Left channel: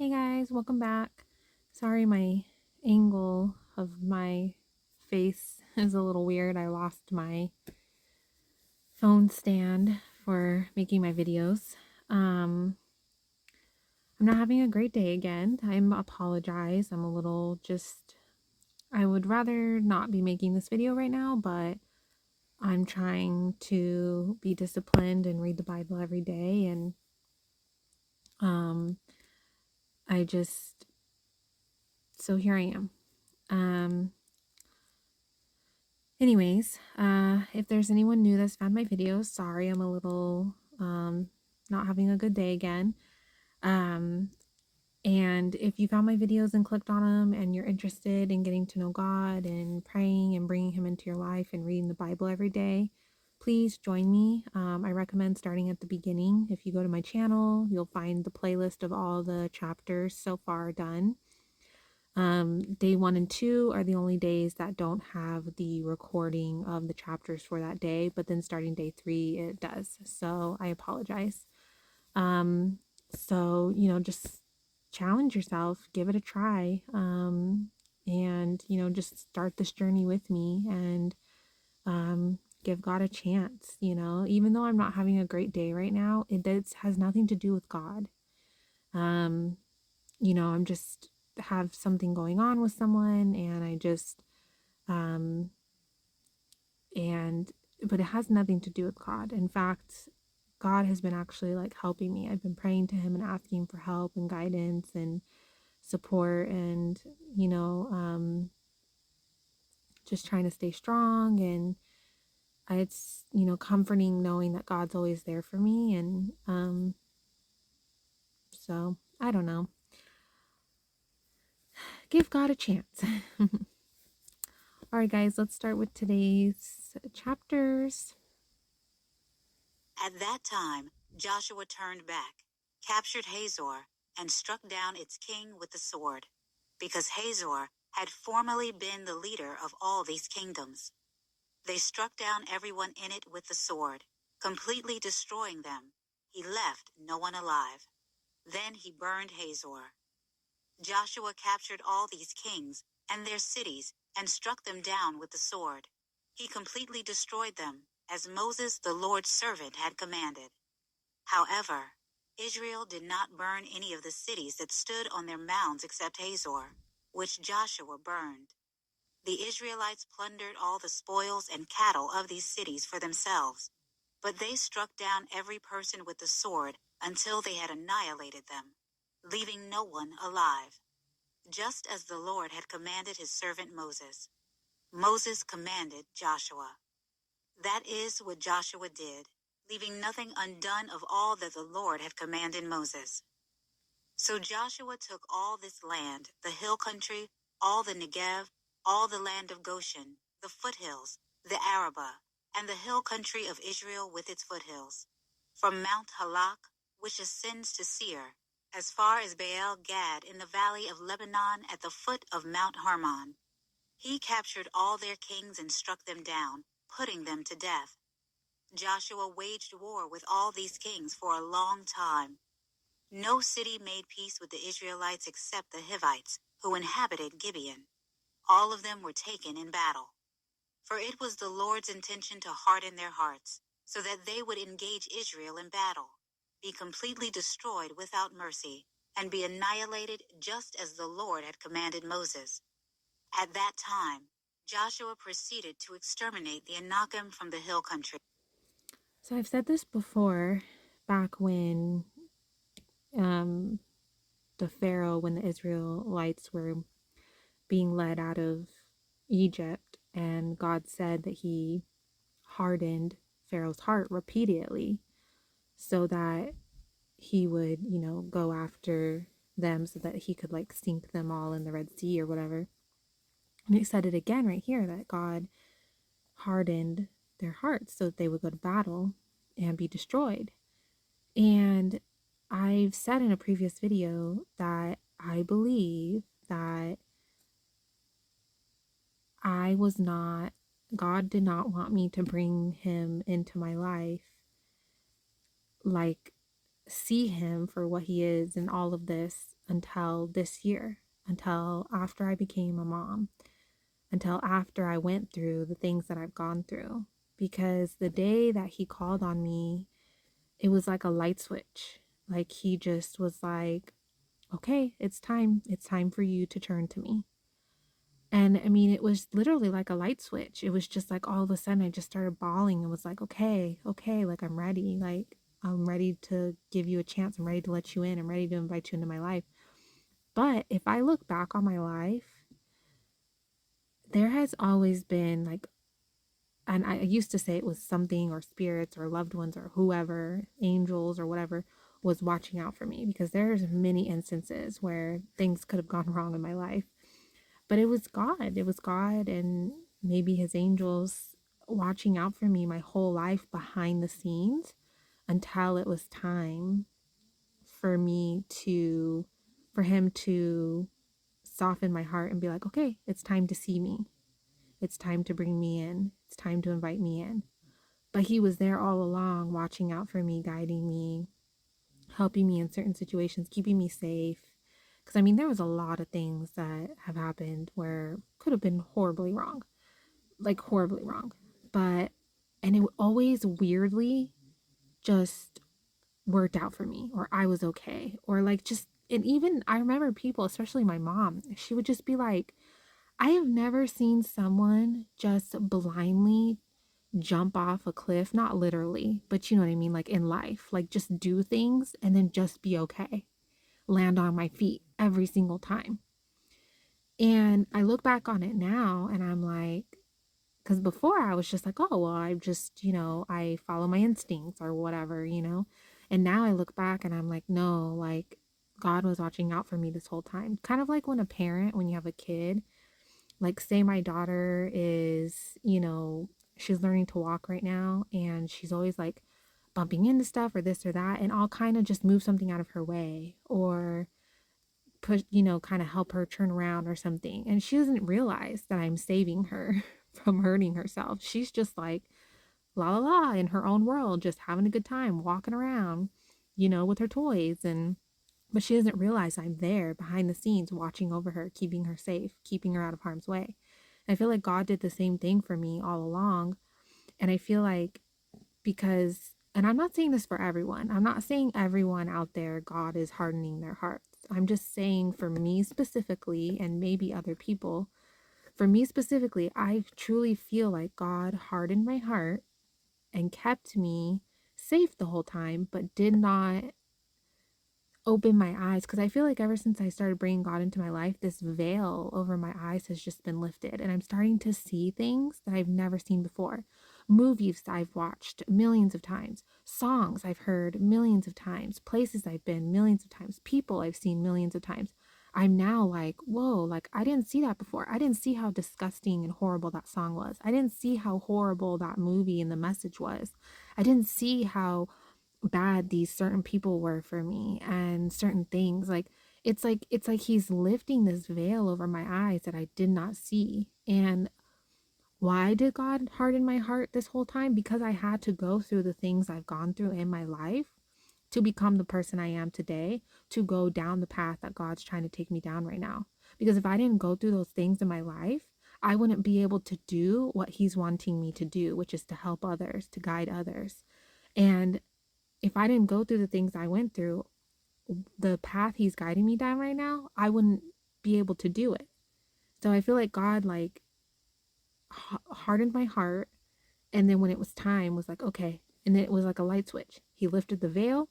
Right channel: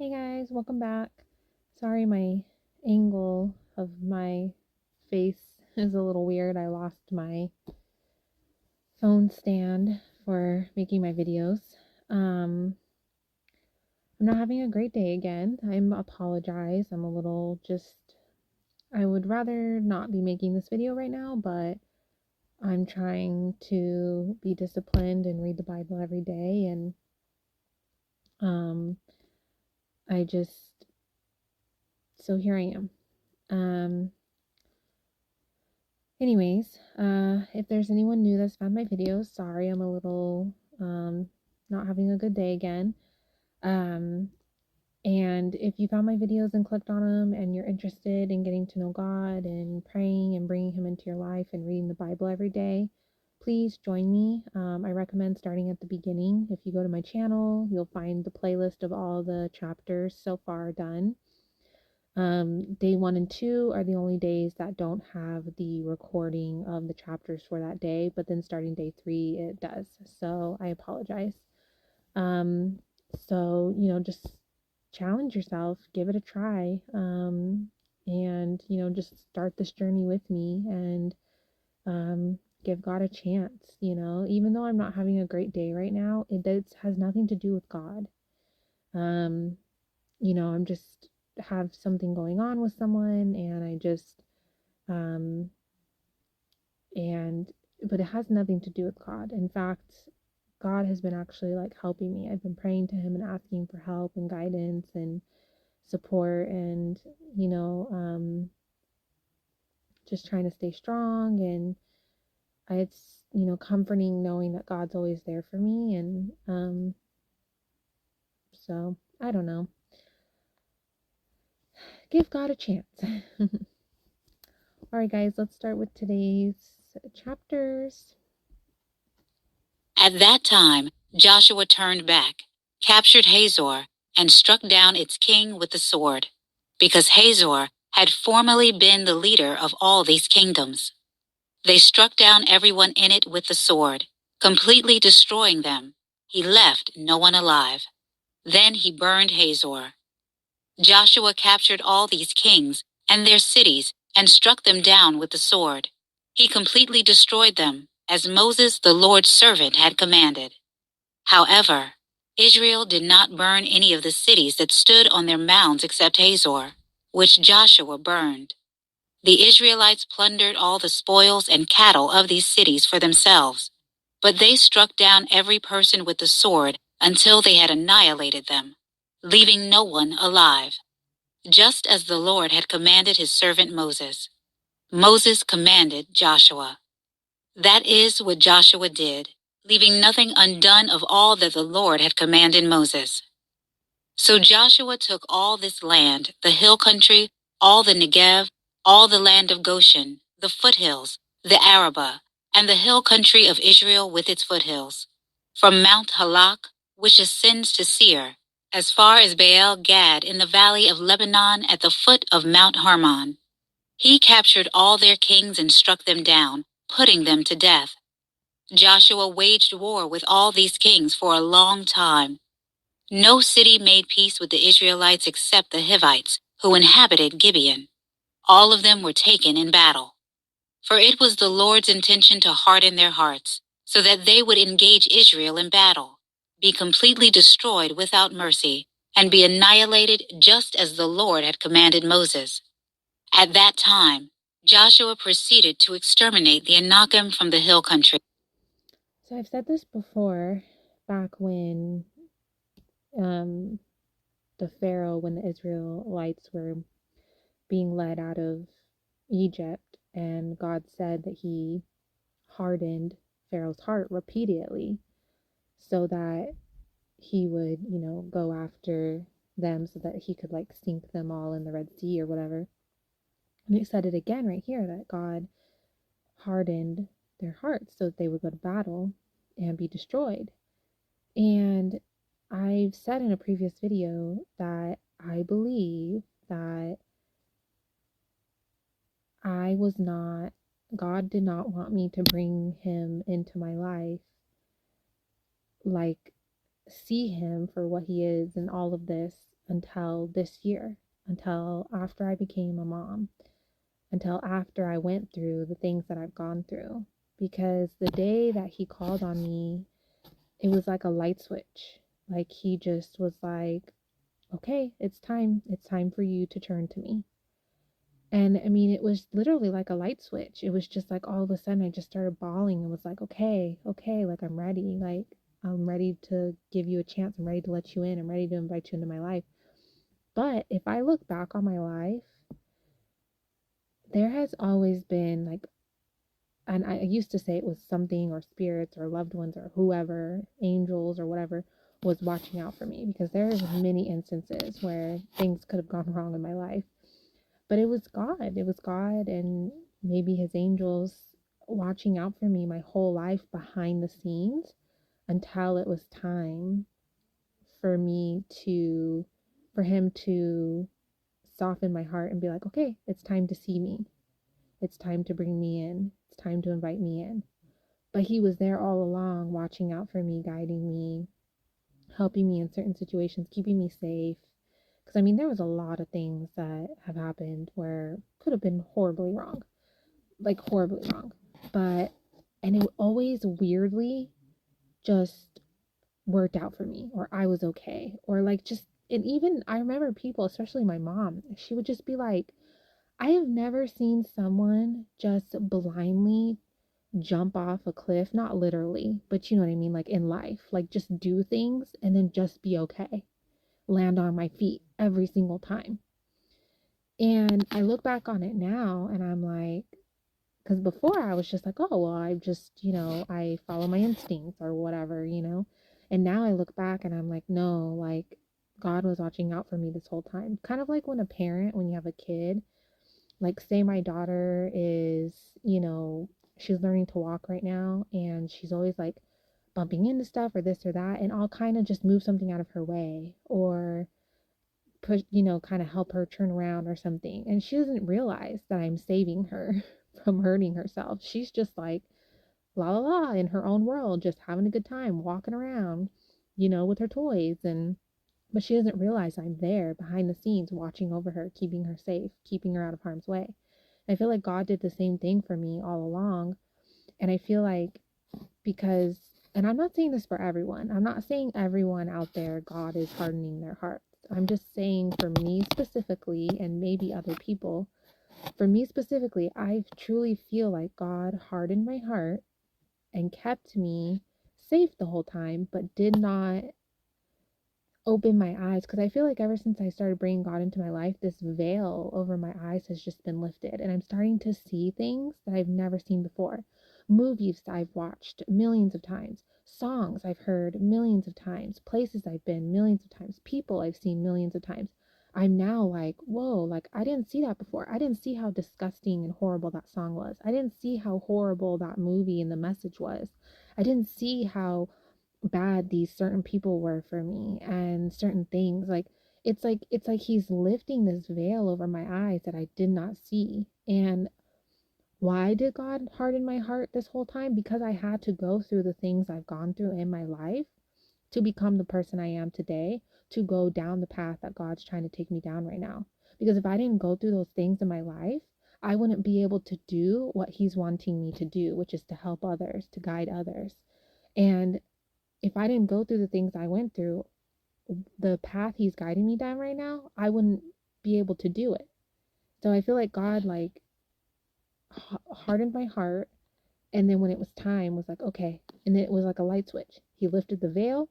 Hey guys, welcome back. Sorry, my angle of my face is a little weird. I lost my phone stand for making my videos. Um, I'm not having a great day again. Apologize. I'm a little just, I would rather not be making this video right now, but I'm trying to be disciplined and read the Bible every day. And um, I just, so here I am. Anyways, if there's anyone new that's found my videos, sorry, I'm a little not having a good day again. Um, and if you found my videos and clicked on them and you're interested in getting to know God and praying and bringing Him into your life and reading the Bible every day, please join me. I recommend starting at the beginning. If you go to my channel, you'll find the playlist of all the chapters so far done. Day 1 and 2 are the only days that don't have the recording of the chapters for that day, but then starting day 3, it does. So I apologize. Um, just challenge yourself, give it a try, and, just start this journey with me and give God a chance. Even though I'm not having a great day right now, has nothing to do with God. Um, I'm just have something going on with someone and I just um and but it has nothing to do with God. In fact, God has been actually like helping me. I've been praying to him and asking for help and guidance and support and just trying to stay strong and it's comforting knowing that God's always there for me and so I don't know. Give God a chance. All right, guys, let's start with today's chapters. At that time, Joshua turned back, captured Hazor, and struck down its king with the sword, because Hazor had formerly been the leader of all these kingdoms. They struck down everyone in it with the sword, completely destroying them. He left no one alive. Then he burned Hazor. Joshua captured all these kings and their cities and struck them down with the sword. He completely destroyed them, as Moses, the Lord's servant, had commanded. However, Israel did not burn any of the cities that stood on their mounds except Hazor, which Joshua burned. The Israelites plundered all the spoils and cattle of these cities for themselves, but they struck down every person with the sword until they had annihilated them, leaving no one alive, just as the Lord had commanded his servant Moses. Moses commanded Joshua. That is what Joshua did, leaving nothing undone of all that the Lord had commanded Moses. So Joshua took all this land, the hill country, all the Negev, all the land of Goshen, the foothills, the Arabah, and the hill country of Israel with its foothills, from Mount Halak, which ascends to Seir, as far as Baal Gad in the valley of Lebanon at the foot of Mount Hermon. He captured all their kings and struck them down, putting them to death. Joshua waged war with all these kings for a long time. No city made peace with the Israelites except the Hivites, who inhabited Gibeon. All of them were taken in battle. For it was the Lord's intention to harden their hearts, so that they would engage Israel in battle, be completely destroyed without mercy, and be annihilated just as the Lord had commanded Moses. At that time, Joshua proceeded to exterminate the Anakim from the hill country. So I've said this before, back when when the Israelites were being led out of Egypt, and God said that he hardened Pharaoh's heart repeatedly so that he would, go after them so that he could like sink them all in the Red Sea or whatever. And it said it again right here that God hardened their hearts so that they would go to battle and be destroyed. And I've said in a previous video that I believe that God did not want me to bring him into my life like see him for what he is in all of this until this year, until after I became a mom, until after I went through the things that I've gone through. Because the day that he called on me, it was like a light switch. Like he just was like, okay, it's time. It's time for you to turn to me. And I mean, it was literally like a light switch. It was just like all of a sudden I just started bawling and was like, okay, okay, like I'm ready. Like I'm ready to give you a chance. I'm ready to let you in. I'm ready to invite you into my life. But if I look back on my life, there has always been like, and I used to say it was something or spirits or loved ones or whoever, angels or whatever, was watching out for me, because there's many instances where things could have gone wrong in my life. But it was God. It was God and maybe his angels watching out for me my whole life behind the scenes until it was time for me to, for him to soften my heart and be like, okay, it's time to see me. It's time to bring me in. It's time to invite me in. But he was there all along, watching out for me, guiding me, helping me in certain situations, keeping me safe. Because I mean, there was a lot of things that have happened where could have been horribly wrong, like horribly wrong. But, and it always weirdly just worked out for me, or I was okay, or like just, and even I remember people, especially my mom, she would just be like, I have never seen someone just blindly jump off a cliff, not literally, but you know what I mean, like in life, like just do things and then just be okay, land on my feet every single time. And I look back on it now and I'm like, because before I was just like, oh, well, I just, I follow my instincts or whatever. And now I look back and I'm like, no, like God was watching out for me this whole time. Kind of like when a parent, when you have a kid, like say my daughter is, she's learning to walk right now and she's always like bumping into stuff or this or that. And I'll kind of just move something out of her way or push, kind of help her turn around or something. And she doesn't realize that I'm saving her from hurting herself. She's just like, la la la, in her own world, just having a good time, walking around, with her toys. And, but she doesn't realize I'm there behind the scenes, watching over her, keeping her safe, keeping her out of harm's way. And I feel like God did the same thing for me all along. And I feel like because, and I'm not saying this for everyone, I'm not saying everyone out there, God is hardening their hearts. I'm just saying for me specifically, and maybe other people, for me specifically, I truly feel like God hardened my heart and kept me safe the whole time, but did not open my eyes, because I feel like ever since I started bringing God into my life, this veil over my eyes has just been lifted, and I'm starting to see things that I've never seen before. Movies I've watched millions of times, songs I've heard millions of times, places I've been millions of times, people I've seen millions of times. I'm now like, whoa, like I didn't see that before. I didn't see how disgusting and horrible that song was. I didn't see how horrible that movie and the message was. I didn't see how bad these certain people were for me and certain things. Like it's like he's lifting this veil over my eyes that I did not see. And why did God harden my heart this whole time? Because I had to go through the things I've gone through in my life to become the person I am today, to go down the path that God's trying to take me down right now. Because if I didn't go through those things in my life, I wouldn't be able to do what he's wanting me to do, which is to help others, to guide others. And if I didn't go through the things I went through, the path he's guiding me down right now, I wouldn't be able to do it. So I feel like God like hardened my heart, and then when it was time was like, okay, and then it was like a light switch. He lifted the veil.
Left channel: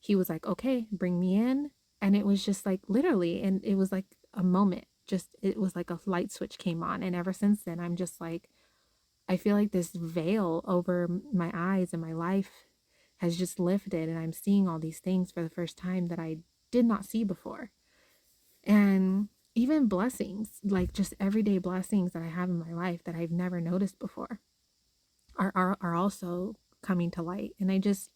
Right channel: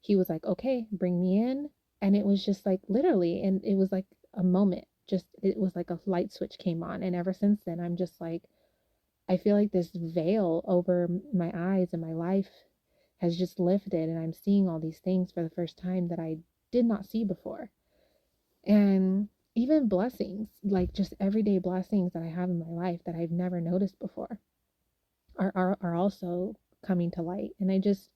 He was like, okay, bring me in. And it was just like literally, and it was like a moment. Just it was like a light switch came on, and ever since then I'm just like, I feel like this veil over my eyes and my life has just lifted, and I'm seeing all these things for the first time that I did not see before. And even blessings, like just everyday blessings that I have in my life that I've never noticed before are also coming to light. And I just,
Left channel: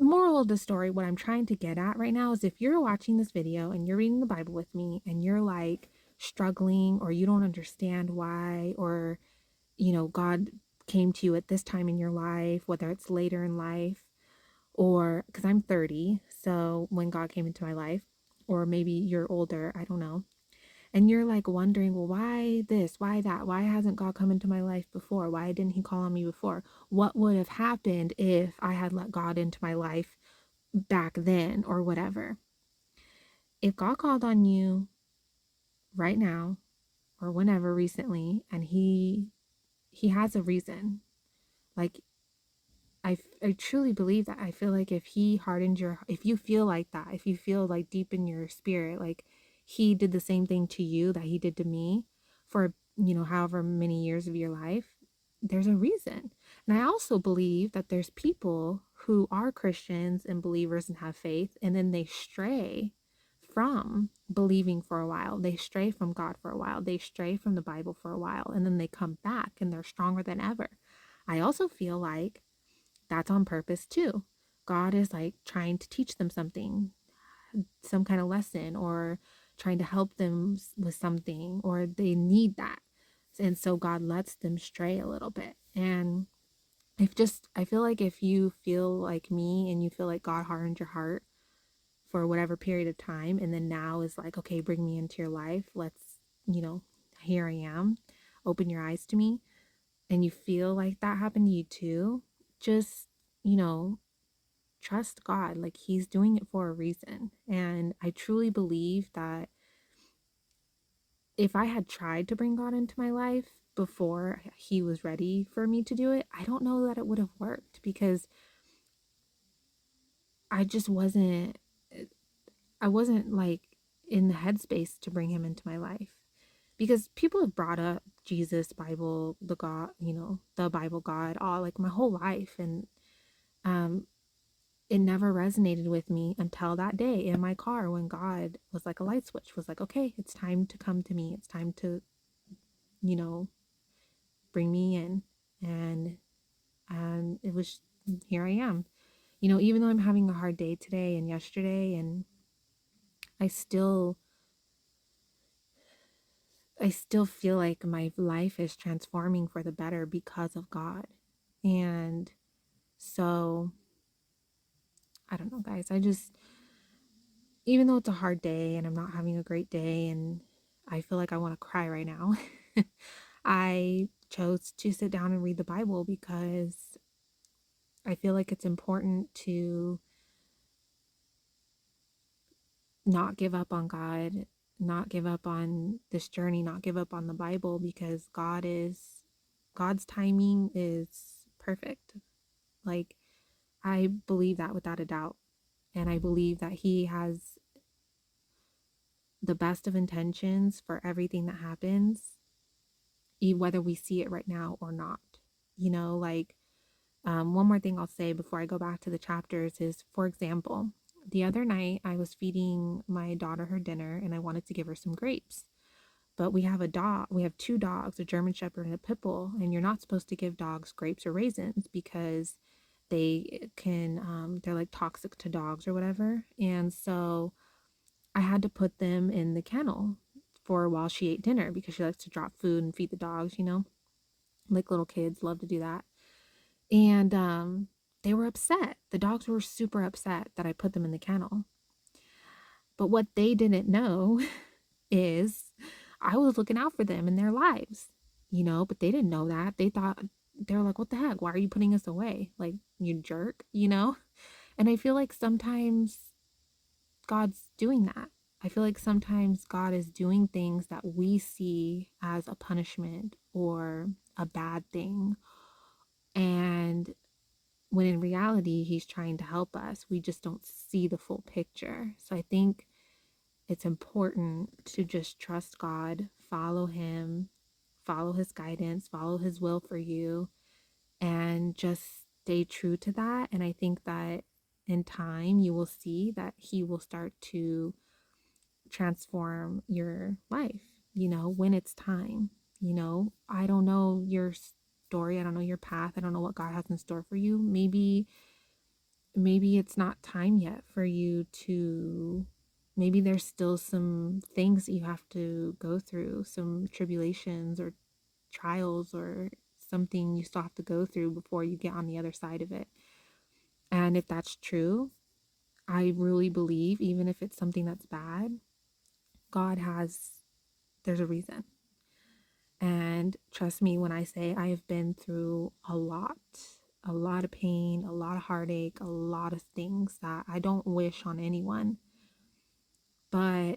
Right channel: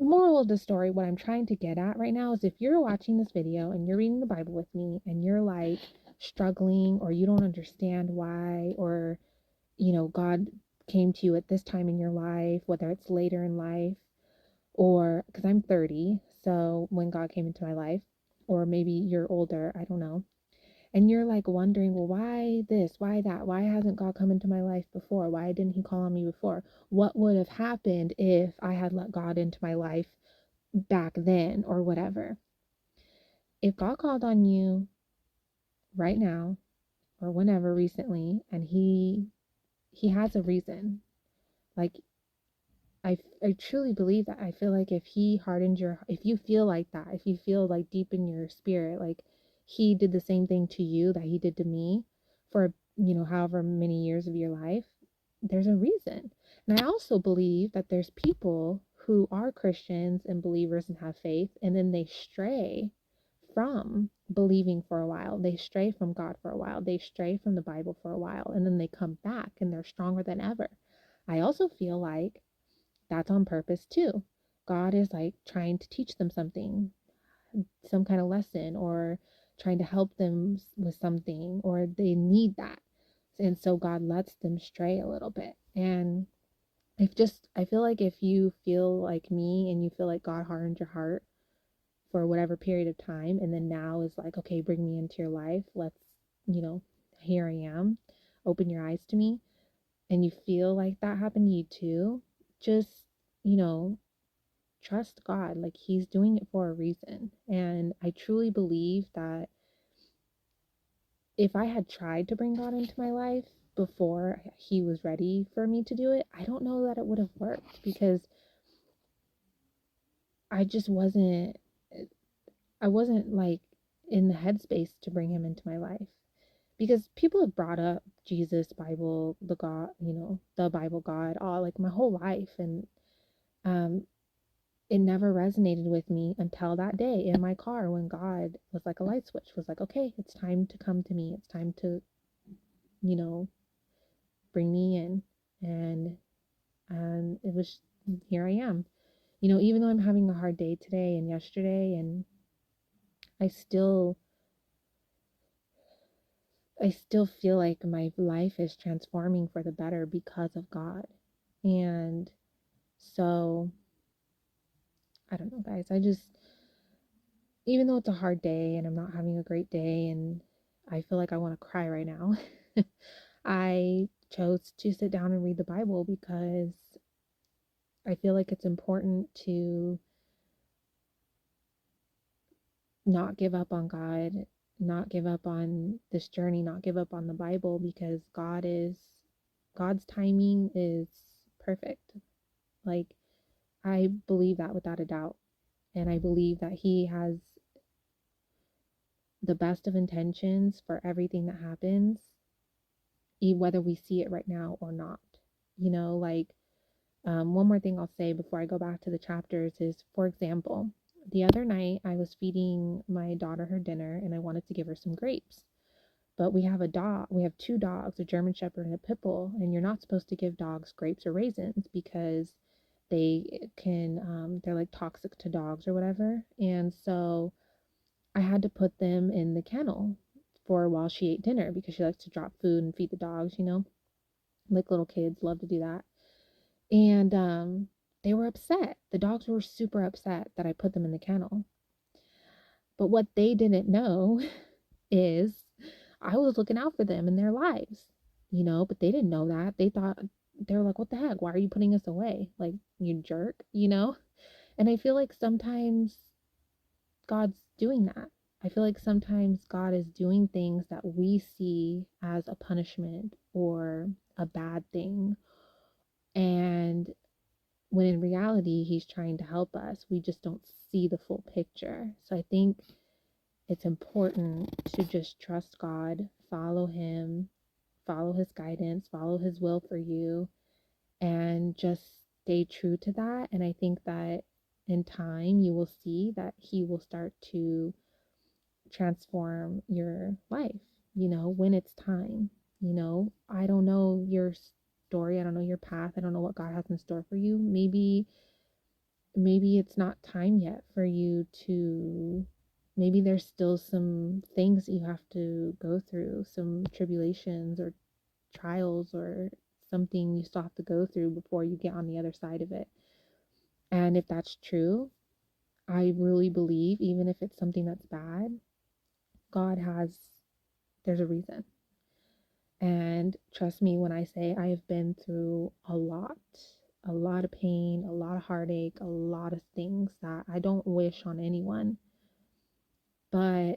moral of the story, what I'm trying to get at right now is if you're watching this video and you're reading the Bible with me and you're like struggling or you don't understand why, or God came to you at this time in your life, whether it's later in life, or because I'm 30, so when God came into my life, or maybe you're older, I don't know. And you're like wondering, well, why this? Why that? Why hasn't God come into my life before? Why didn't he call on me before? What would have happened if I had let God into my life back then or whatever? If God called on you right now or whenever recently and he has a reason. Like I truly believe that. I feel like if he hardened if you feel like that, if you feel like deep in your spirit, like he did the same thing to you that he did to me for, however many years of your life, there's a reason. And I also believe that there's people who are Christians and believers and have faith, and then they stray from believing for a while. They stray from God for a while. They stray from the Bible for a while, and then they come back and they're stronger than ever. I also feel like that's on purpose too. God is like trying to teach them something, some kind of lesson, or trying to help them with something, or they need that. And so God lets them stray a little bit. And I feel like if you feel like me and you feel like God hardened your heart for whatever period of time, and then now is like, okay, bring me into your life. Let's, you know, here I am. Open your eyes to me. And you feel like that happened to you too. Just, you know, trust God. Like he's doing it for a reason. And I truly believe that if I had tried to bring God into my life before he was ready for me to do it, I don't know that it would have worked because I just wasn't like in the headspace to bring him into my life. Because people have brought up Jesus, Bible, the God, the Bible God, all like my whole life. And um it never resonated with me until that day in my car when God was like a light switch, was like, okay, it's time to come to me. It's time to, you know, bring me in. And it was, here I am. Even though I'm having a hard day today and yesterday, and I still I still feel like my life is transforming for the better because of God. And so I don't know, guys. Even though it's a hard day and I'm not having a great day and I feel like I want to cry right now, I chose to sit down and read the Bible because I feel like it's important to not give up on God, not give up on this journey, not give up on the Bible, because God's timing is perfect. Like, I believe that without a doubt. And I believe that he has the best of intentions for everything that happens, whether we see it right now or not. Like, one more thing I'll say before I go back to the chapters is, for example, the other night I was feeding my daughter her dinner and I wanted to give her some grapes. But we have two dogs, a German Shepherd and a Pit Bull, and you're not supposed to give dogs grapes or raisins because they're like toxic to dogs or whatever. And so I had to put them in the kennel for while she ate dinner because she likes to drop food and feed the dogs. Like little kids love to do that. And they were upset. The dogs were super upset that I put them in the kennel. But what they didn't know is I was looking out for them in their lives, but they didn't know that. They were like, what the heck? Why are you putting us away? Like, you jerk? And I feel like sometimes God's doing that. I feel like sometimes God is doing things that we see as a punishment or a bad thing. And when in reality, he's trying to help us. We just don't see the full picture. So I think it's important to just trust God, follow him, follow his guidance, follow his will for you, and just stay true to that. And I think that in time, you will see that he will start to transform your life, when it's time. I don't know your story. I don't know your path. I don't know what God has in store for you. Maybe it's not time yet for you to, maybe there's still some things that you have to go through, some tribulations or trials or something you still have to go through before you get on the other side of it. And if that's true, I really believe, even if it's something that's bad, God has, there's a reason. And trust me when I say I have been through a lot of pain, a lot of heartache, a lot of things that I don't wish on anyone. But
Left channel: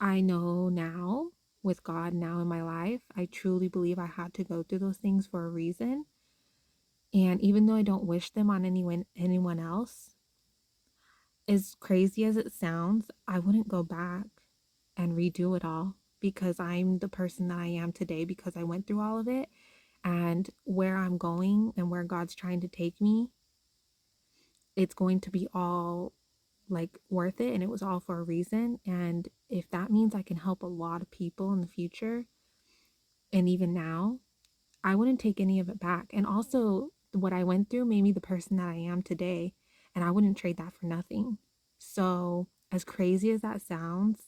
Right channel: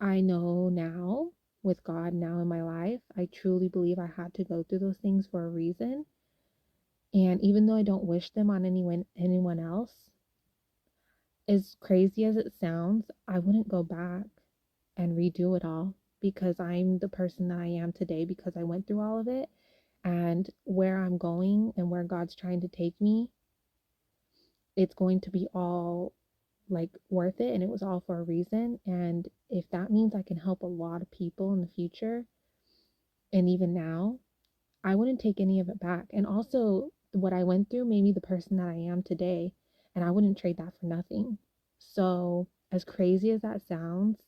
I know now, with God now in my life, I truly believe I had to go through those things for a reason. And even though I don't wish them on anyone else, as crazy as it sounds, I wouldn't go back and redo it all because I'm the person that I am today because I went through all of it. And where I'm going and where God's trying to take me, it's going to be all like worth it, and it was all for a reason. And if that means I can help a lot of people in the future and even now, I wouldn't take any of it back. And also, what I went through made me the person that I am today, and I wouldn't trade that for nothing. So, as crazy as that sounds,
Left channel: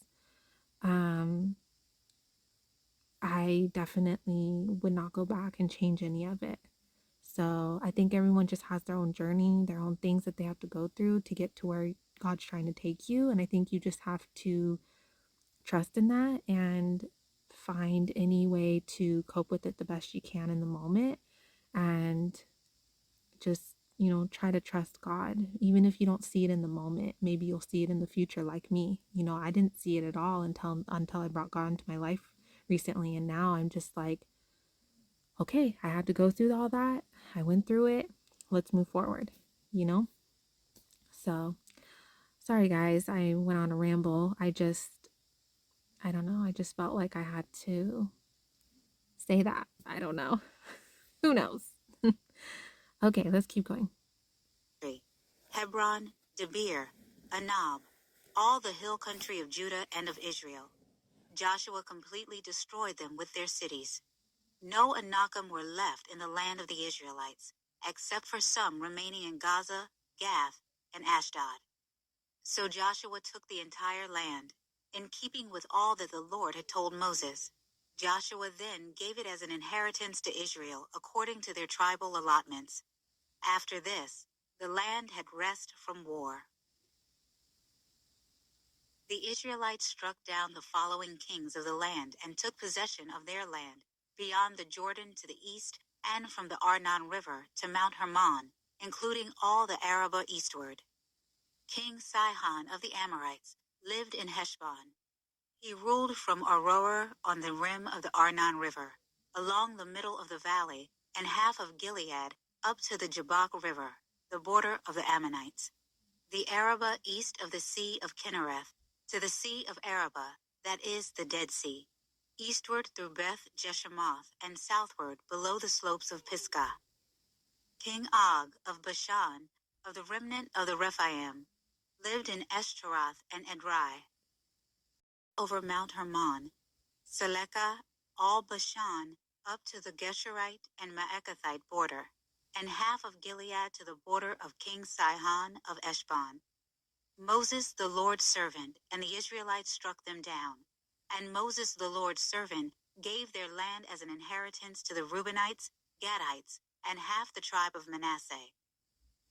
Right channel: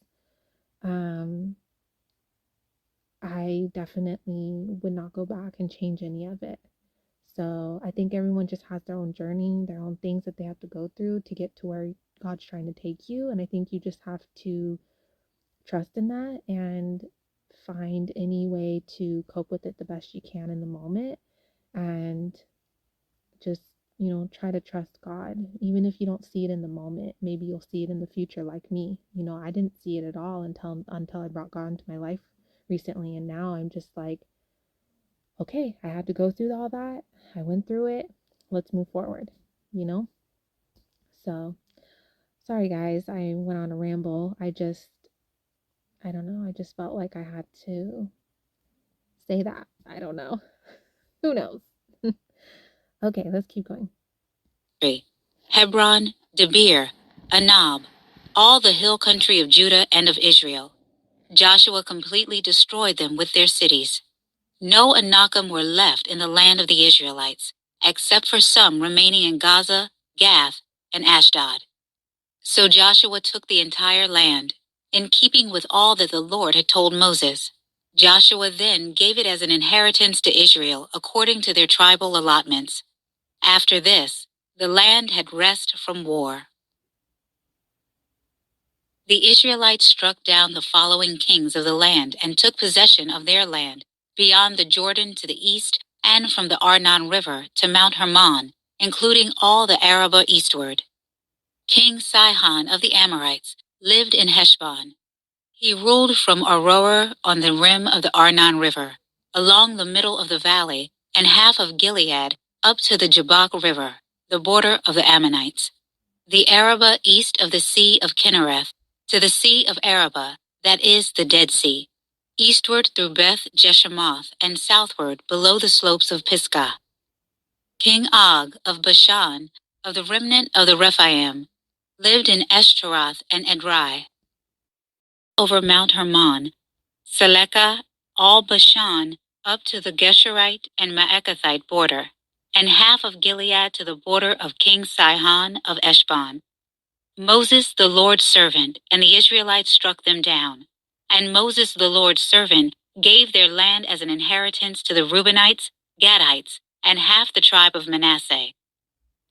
um, I definitely would not go back and change any of it. So, I think everyone just has their own journey, their own things that they have to go through to get to where God's trying to take you. And I think you just have to trust in that and find any way to cope with it the best you can in the moment. And just, try to trust God. Even if you don't see it in the moment, maybe you'll see it in the future like me. I didn't see it at all until I brought God into my life recently, and now I'm just like, okay, I had to go through all that. I went through it. Let's move forward, you know? So, sorry guys, I went on a ramble. I don't know, I just felt like I had to say that. I don't know. Who knows? Okay, let's keep going. Hebron, Debir, Anab, all the hill country of Judah and of Israel. Joshua completely destroyed them with their cities. No Anakim were left in the land of the Israelites, except for some remaining in Gaza, Gath, and Ashdod. So Joshua took the entire land, in keeping with all that the Lord had told Moses. Joshua then gave it as an inheritance to Israel according to their tribal allotments. After this, the land had rest from war. The Israelites struck down the following kings of the land and took possession of their land, beyond the Jordan to the east and from the Arnon River to Mount Hermon, including all the Arabah eastward. King Sihon of the Amorites lived in Heshbon. He ruled from Aroer on the rim of the Arnon River, along the middle of the valley, and half of Gilead up to the Jabbok River, the border of the Ammonites. The Arabah east of the Sea of Kinnereth, to the Sea of Arabah, that is the Dead Sea, eastward through Beth Jeshemoth and southward below the slopes of Pisgah. King Og of Bashan, of the remnant of the Rephaim, lived in Eshtaroth and Edrei. Over Mount Hermon, Selekah, all Bashan, up to the Gesherite and Maacathite border, and half of Gilead to the border of King Sihon of Eshbon. Moses the Lord's servant and the Israelites struck them down. And Moses the Lord's servant gave their land as an inheritance to the Reubenites, Gadites, and half the tribe of Manasseh.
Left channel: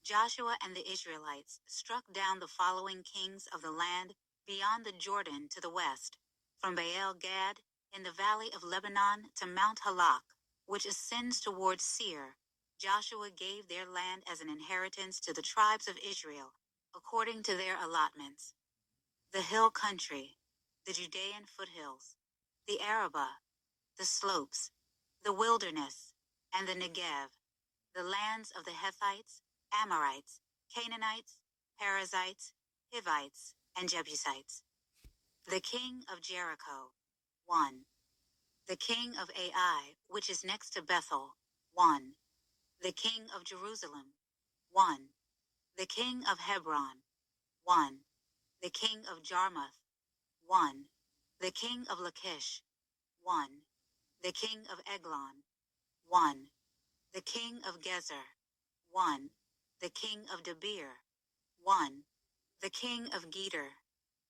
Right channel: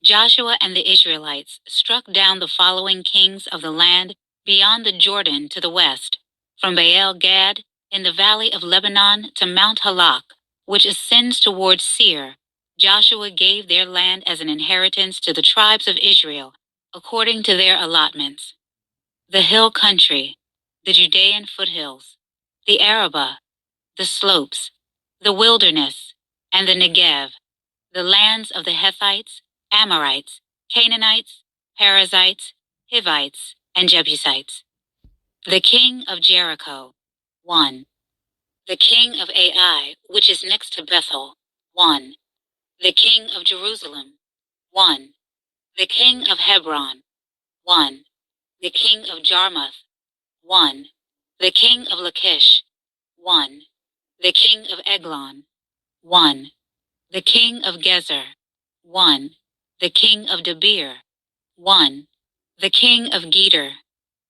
Joshua and the Israelites struck down the following kings of the land beyond the Jordan to the west, from Baal Gad in the valley of Lebanon to Mount Halak, which ascends towards Seir. Joshua gave their land as an inheritance to the tribes of Israel, according to their allotments. The hill country, the Judean foothills, the Arabah, the slopes, the wilderness, and the Negev, the lands of the Hethites, Amorites, Canaanites, Perizzites, Hivites, and Jebusites. The king of Jericho, 1. The king of Ai, which is next to Bethel, 1. The king of Jerusalem, 1. The king of Hebron, 1. The king of Jarmuth, 1. The king of Lachish, 1. The king of Eglon, 1. The king of Gezer, 1. The king of Debir, 1. The king of Geder,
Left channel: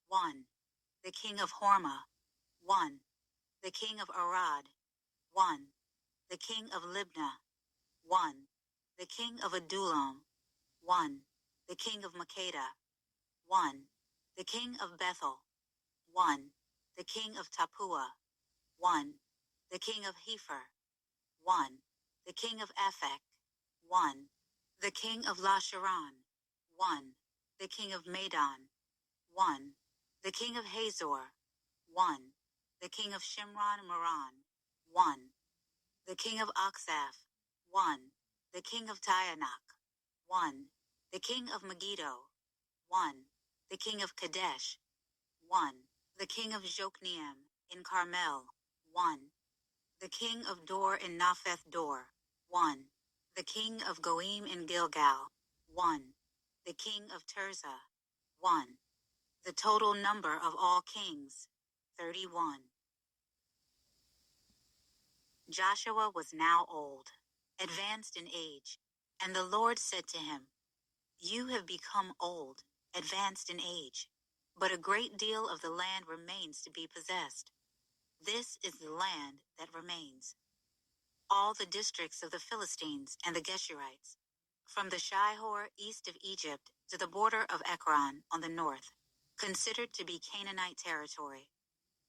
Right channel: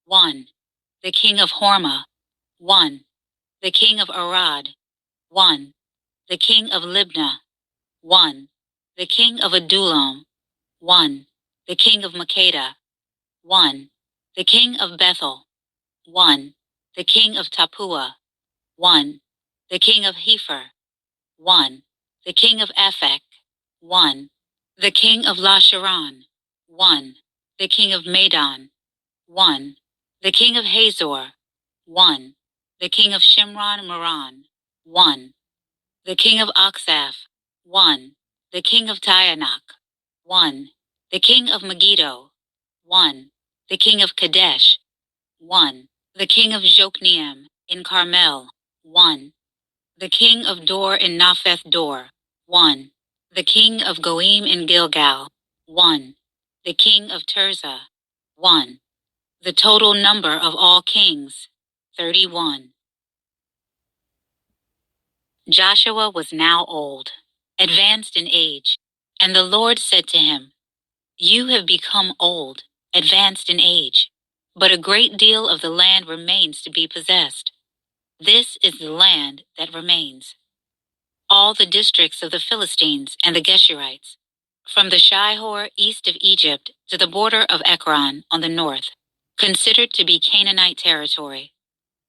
1. The king of Hormah, 1. The king of Arad, 1. The king of Libnah, 1. The king of Adullam, 1. The king of Makkedah, 1. The king of Bethel, 1. The king of Tappuah, 1. The king of Hepher, 1. The king of Aphek, 1. The king of Lasharon, 1. The king of Madon, 1. The king of Hazor, 1. The king of Shimron Moran, 1. The king of Oxaph, 1. The king of Taanach, 1. The king of Megiddo, 1. The king of Kadesh, 1. The king of Jokneam in Carmel, 1. The king of Dor in Napheth Dor, 1. The king of Goim in Gilgal, 1. The king of Tirzah, 1. The total number of all kings, 31. Joshua was now old, advanced in age, and the Lord said to him, "You have become old, advanced in age, but a great deal of the land remains to be possessed. This is the land that remains. All the districts of the Philistines and the Geshurites, from the Shihor east of Egypt to the border of Ekron on the north, considered to be Canaanite territory.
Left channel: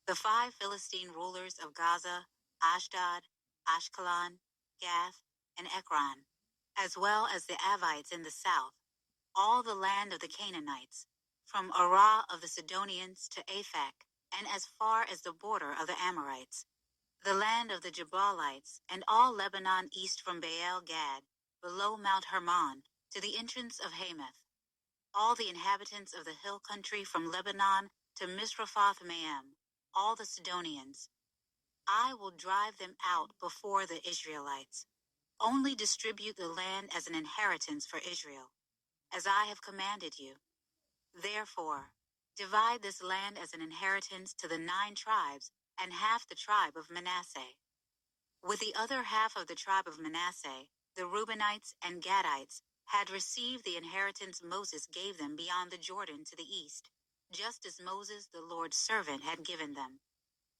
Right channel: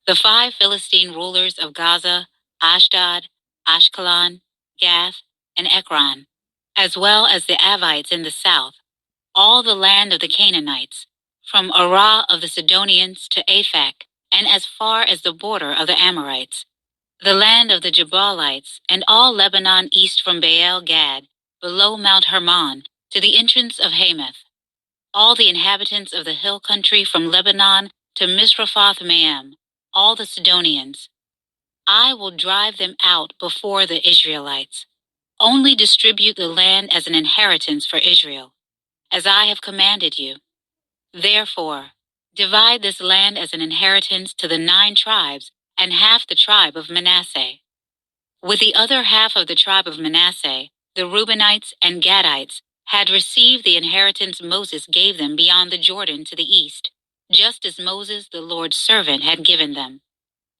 The 5 Philistine rulers of Gaza, Ashdod, Ashkelon, Gath, and Ekron, as well as the Avites in the south, all the land of the Canaanites, from Arah of the Sidonians to Aphek, and as far as the border of the Amorites, the land of the Jabalites, and all Lebanon east from Baal Gad, below Mount Hermon, to the entrance of Hamath, all the inhabitants of the hill country from Lebanon to Misrephoth Maim, all the Sidonians. I will drive them out before the Israelites. Only distribute the land as an inheritance for Israel, as I have commanded you. Therefore, divide this land as an inheritance to the 9 tribes and half the tribe of Manasseh. With the other half of the tribe of Manasseh, the Reubenites and Gadites had received the inheritance Moses gave them beyond the Jordan to the east, just as Moses, the Lord's servant, had given them.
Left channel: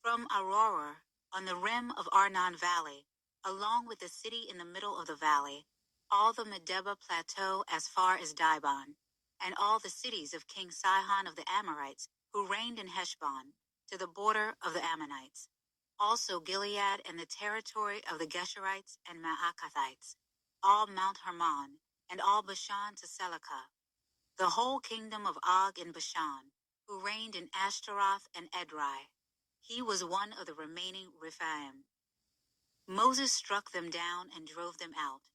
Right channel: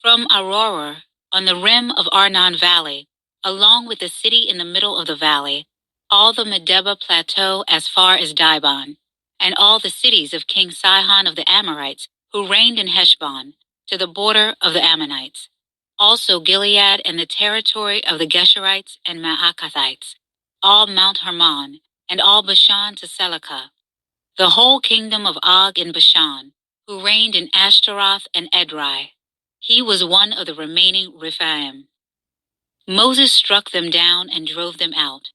From Aroer, on the rim of Arnon Valley, along with the city in the middle of the valley, all the Medeba plateau as far as Dibon, and all the cities of King Sihon of the Amorites, who reigned in Heshbon, to the border of the Ammonites. Also Gilead and the territory of the Geshurites and Maacathites, all Mount Hermon, and all Bashan to Selecah, the whole kingdom of Og in Bashan, who reigned in Ashtaroth and Edrei. He was one of the remaining Rephaim. Moses struck them down and drove them out.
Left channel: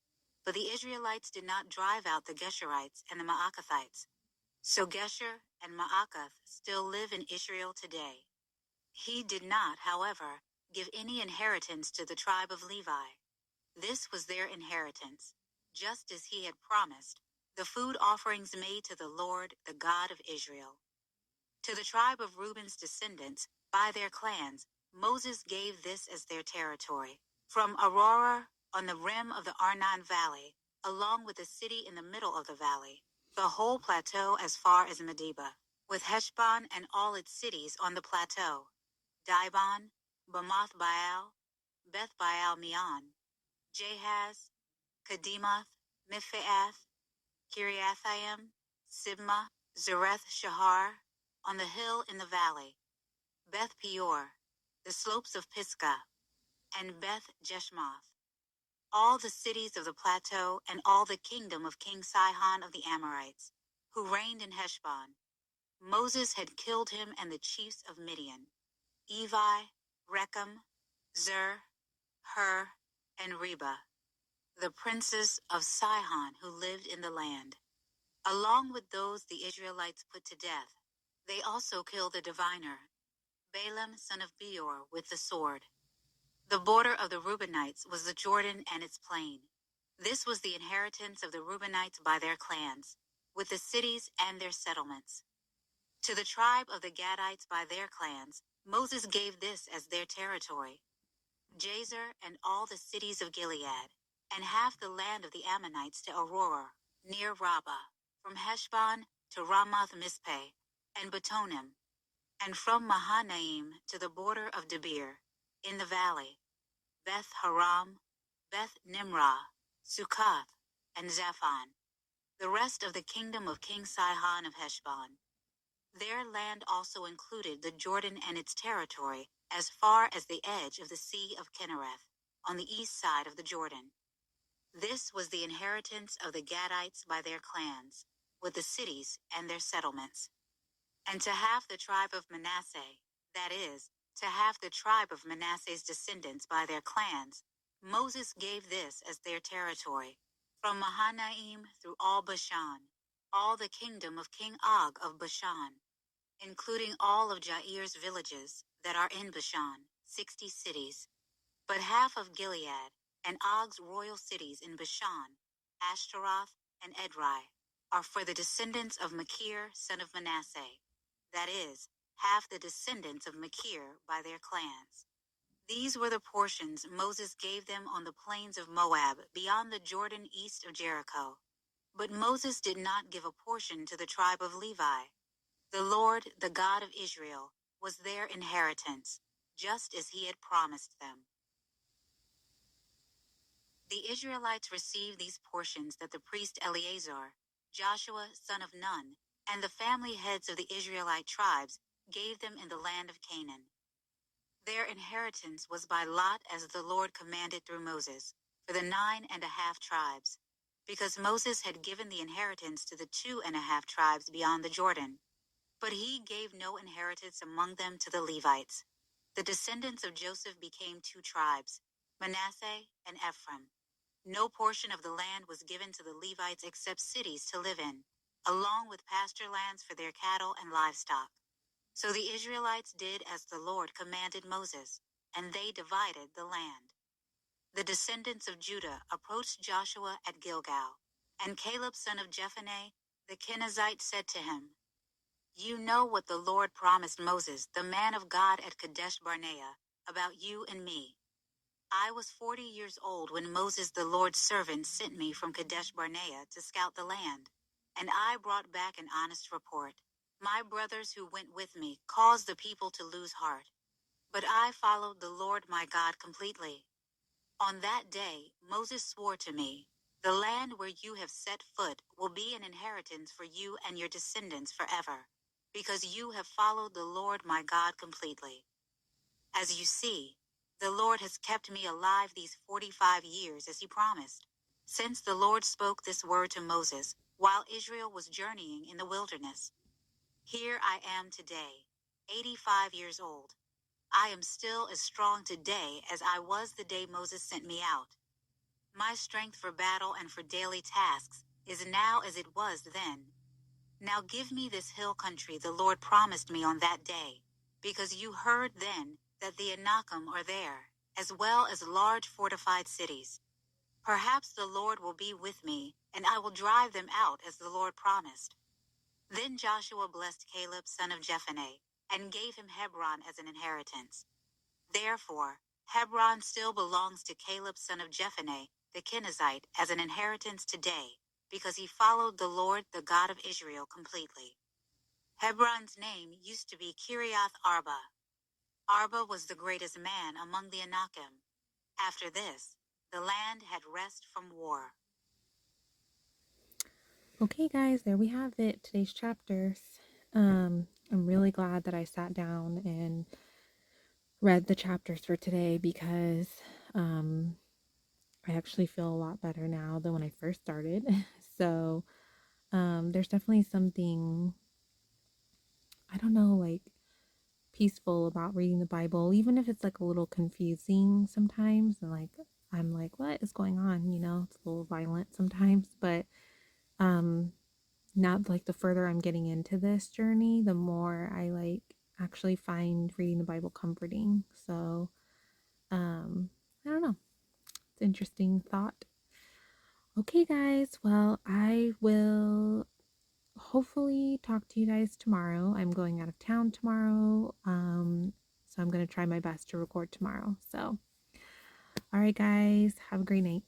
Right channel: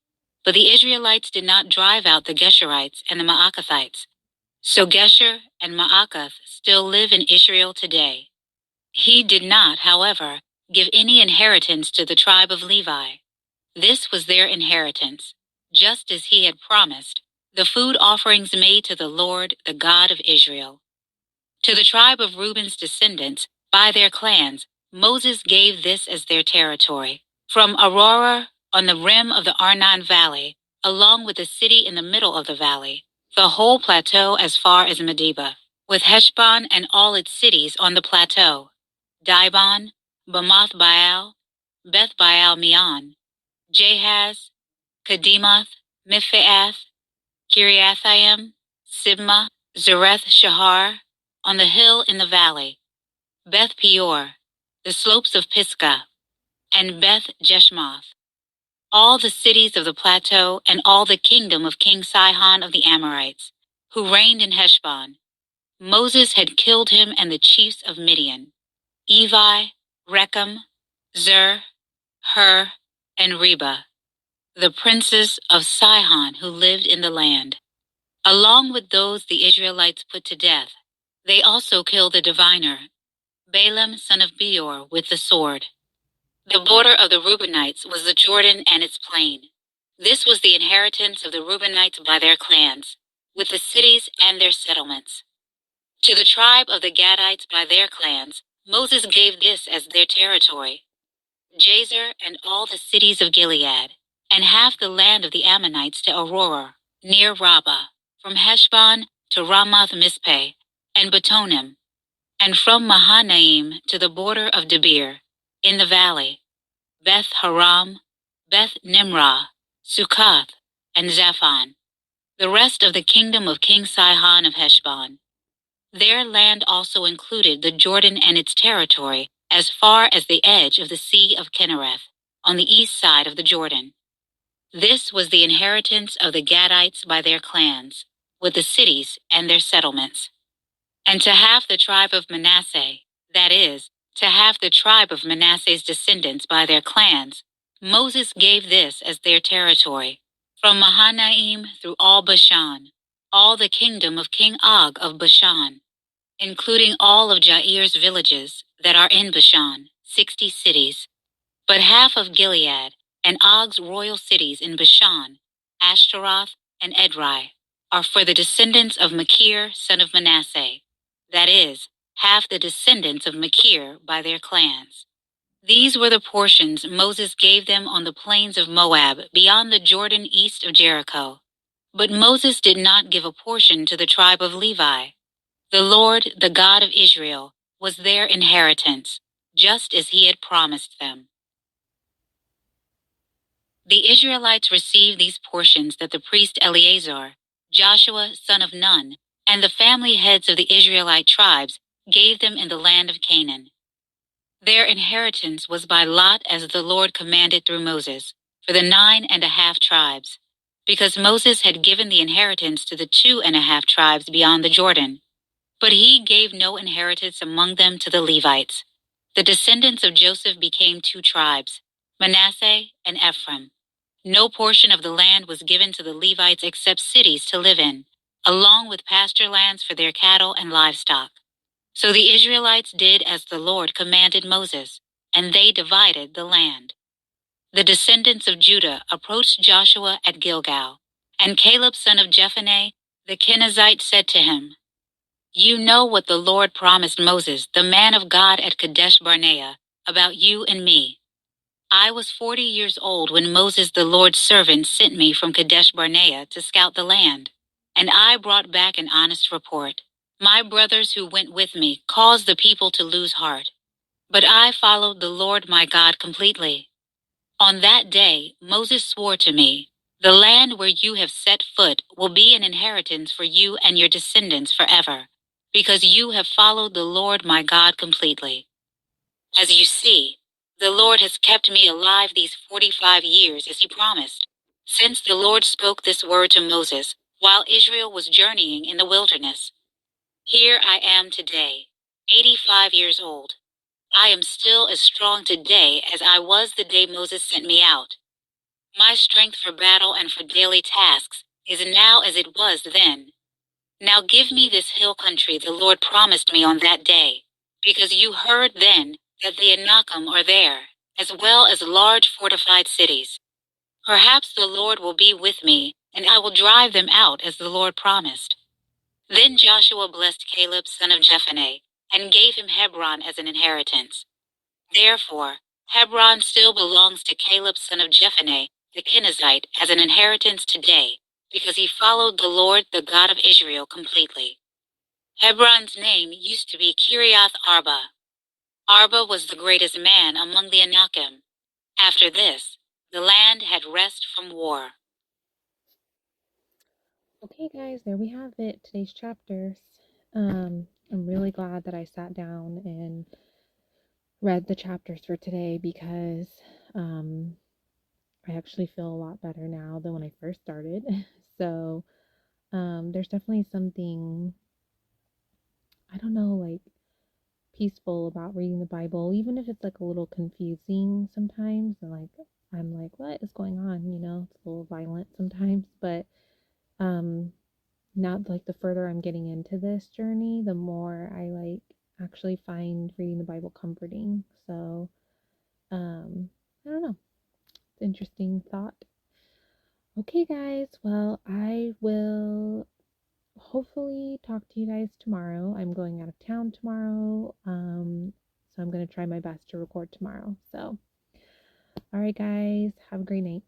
But the Israelites did not drive out the Geshurites and the Maacathites. So Gesher and Maacath still live in Israel today. He did not, however, give any inheritance to the tribe of Levi. This was their inheritance, just as he had promised, the food offerings made to the Lord, the God of Israel. To the tribe of Reuben's descendants, by their clans, Moses gave this as their territory. From Aurora, on the rim of the Arnon Valley, along with the city in the middle of the valley, the whole plateau as far as Medeba, with Heshbon and all its cities on the plateau, Dibon, Bamoth Baal, Beth Baal Meon, Jahaz, Kedemoth, Miphaeth, Kiriathaim, Sibmah, Zareth Shahar, on the hill in the valley, Beth Peor, the slopes of Pisgah, and Beth Jeshmoth, all the cities of the plateau and all the kingdom of King Sihon of the Amorites, who reigned in Heshbon. Moses had killed him and the chiefs of Midian, Evi, Rechem, Zur, Hur, and Reba, the princes of Sihon who lived in the land. Along with those the Israelites put to death, they also killed the diviner, Balaam son of Beor, with the sword. The border of the Reubenites was the Jordan and its plain. This was the inheritance of the Reubenites by their clans, with the cities and their settlements. To the tribe of the Gadites by their clans, Moses gave this as their territory: Jazer and all the cities of Gilead, and half the land of the Ammonites to Aurora, near Rabbah, from Heshbon to Ramoth Mizpeh, and Betonim, and from Mahanaim to the border of Debir, in the valley, Beth Haram, Beth Nimrah, Sukkoth, and Zaphon, the rest of the kingdom of King Sihon of Heshbon. Their land also included the Jordan and its territory as far as the edge of the Sea of Kinnereth, on the east side of the Jordan. This was the inheritance of the Gadites by their clans, with the cities and their settlements. And to half the tribe of Manasseh, that is, to half the tribe of Manasseh's descendants by their clans, Moses gave this as their territory, from Mahanaim through all Bashan, all the kingdom of King Og of Bashan, including all of Jair's villages that are in Bashan, 60 cities, but half of Gilead, and Og's royal cities in Bashan, Ashtaroth, and Edrei, are for the descendants of Machir, son of Manasseh, that is, half the descendants of Machir by their clans. These were the portions Moses gave them on the plains of Moab, beyond the Jordan east of Jericho. But Moses did not give a portion to the tribe of Levi. The Lord, the God of Israel, was their inheritance, just as he had promised them. The Israelites received these portions that the priest Eleazar, Joshua son of Nun, and the family heads of the Israelite tribes gave them in the land of Canaan. Their inheritance was by lot as the Lord commanded through Moses, for the 9.5 tribes, because Moses had given the inheritance to the 2.5 tribes beyond the Jordan. But he gave no inheritance among them to the Levites. The descendants of Joseph became 2 tribes, Manasseh and Ephraim. No portion of the land was given to the Levites except cities to live in, along with pasture lands for their cattle and livestock. So the Israelites did as the Lord commanded Moses, and they divided the land. The descendants of Judah approached Joshua at Gilgal, and Caleb son of Jephunneh, the Kenizzite, said to him, "You know what the Lord promised Moses, the man of God at Kadesh Barnea, about you and me. I was 40 years old when Moses, the Lord's servant, sent me from Kadesh Barnea to scout the land, and I brought back an honest report. My brothers who went with me caused the people to lose heart, but I followed the Lord my God completely. On that day, Moses swore to me, 'The land where you have set foot will be an inheritance for you and your descendants forever, because you have followed the Lord my God completely.' As you see, the Lord has kept me alive these 45 years as he promised, since the Lord spoke this word to Moses while Israel was journeying in the wilderness. Here I am today, 85 years old. I am still as strong today as I was the day Moses sent me out. My strength for battle and for daily tasks is now as it was then. Now give me this hill country the Lord promised me on that day, because you heard then that the Anakim are there, as well as large fortified cities. Perhaps the Lord will be with me, and I will drive them out as the Lord promised." Then Joshua blessed Caleb son of Jephunneh, and gave him Hebron as an inheritance. Therefore, Hebron still belongs to Caleb son of Jephunneh, the Kenizzite, as an inheritance today, because he followed the Lord, the God of Israel, completely. Hebron's name used to be Kiriath Arba. Arba was the greatest man among the Anakim. After this, the land had rest from war. Okay, guys, there we have it. Today's chapters. I'm really glad that I sat down and read the chapters for today because I actually feel a lot better now than when I first started. So, there's definitely something, I don't know, like peaceful about reading the Bible, even if it's like a little confusing sometimes. And like, I'm like, what is going on? You know, it's a little violent sometimes, but um, now like the further I'm getting into this journey, the more I like actually find reading the Bible comforting. So, I don't know. It's an interesting thought. Okay, guys. Well, I will hopefully talk to you guys tomorrow. I'm going out of town tomorrow. So I'm going to try my best to record tomorrow. So, all right, guys. Have a great night.